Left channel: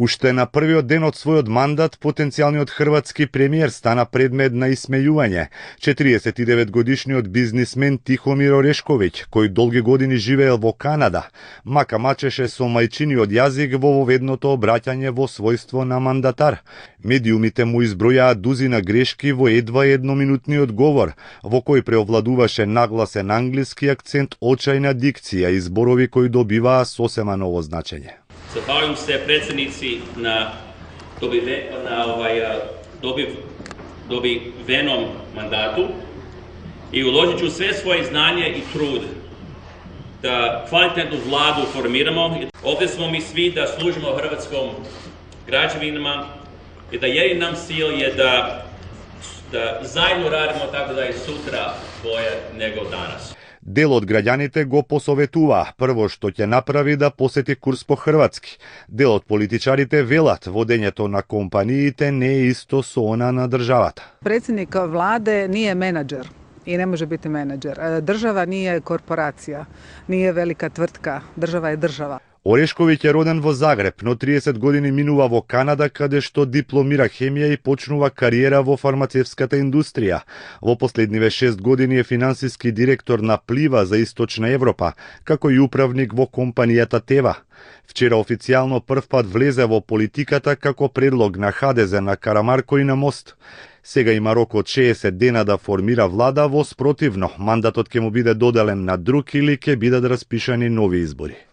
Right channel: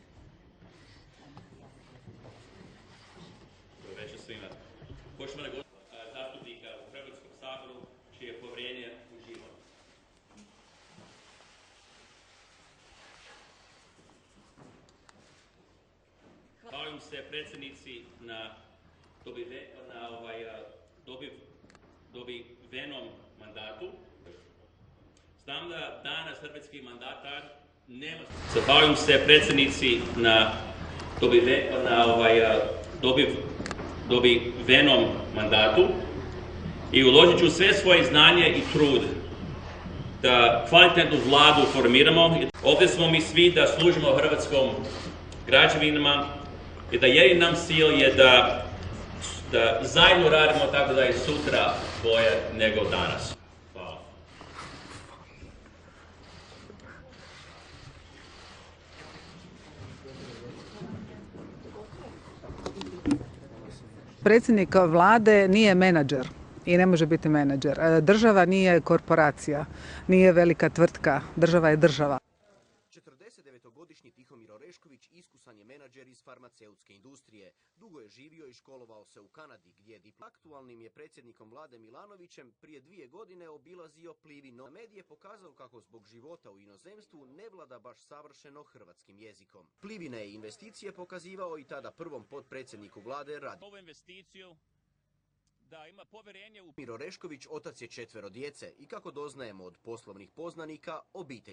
Уште на првиот ден од својот мандат, потенцијалниот хрватски премиер стана предмет на исмејување. 49-годишниот бизнисмен Тихомир Орешковиќ, кој долги години живеел во Канада, мака мачеше со мајчиниот јазик во воведното обраќање во својство на мандатар. Медиумите му избројаа дузина грешки во едва едноминутниот говор, во кој преовладуваше нагласен англиски акцент, очајна дикција и зборови кои добиваа сосема ново значење. Zahvaljujem se predsjednici na dobivenom mandatu i uložit ću sve svoje znanje i trud da kvalitetnu vladu formiramo. Ovdje smo mi svi da služimo hrvatskom građanima i da jedini nam cilj je da zajedno radimo tako da je sutra bolje nego danas. Дел од граѓаните го посоветуваа прво што ќе направи да посети курс по хрватски. Дел од политичарите велат водењето на компаниите не е исто со она на државата. Председник владе nije менаџер i ne može biti menadžer. Država nije korporacija, nije velika tvrtka, država je država. Орешковиќ е роден во Загреб, но 30 години минува во Канада, каде што дипломира хемија и почнува кариера во фармацевската индустрија. Во последниве 6 години е финансиски директор на Плива за Источна Европа, како и управник во компанијата Тева. Вчера официјално првпат влезе во политиката како предлог на ХДЗ на Карамарко и на Мост. Сега има рок од 60 дена да формира влада, во спротивно мандатот ќе му биде доделен на друг или ќе бидат распишани нови избори.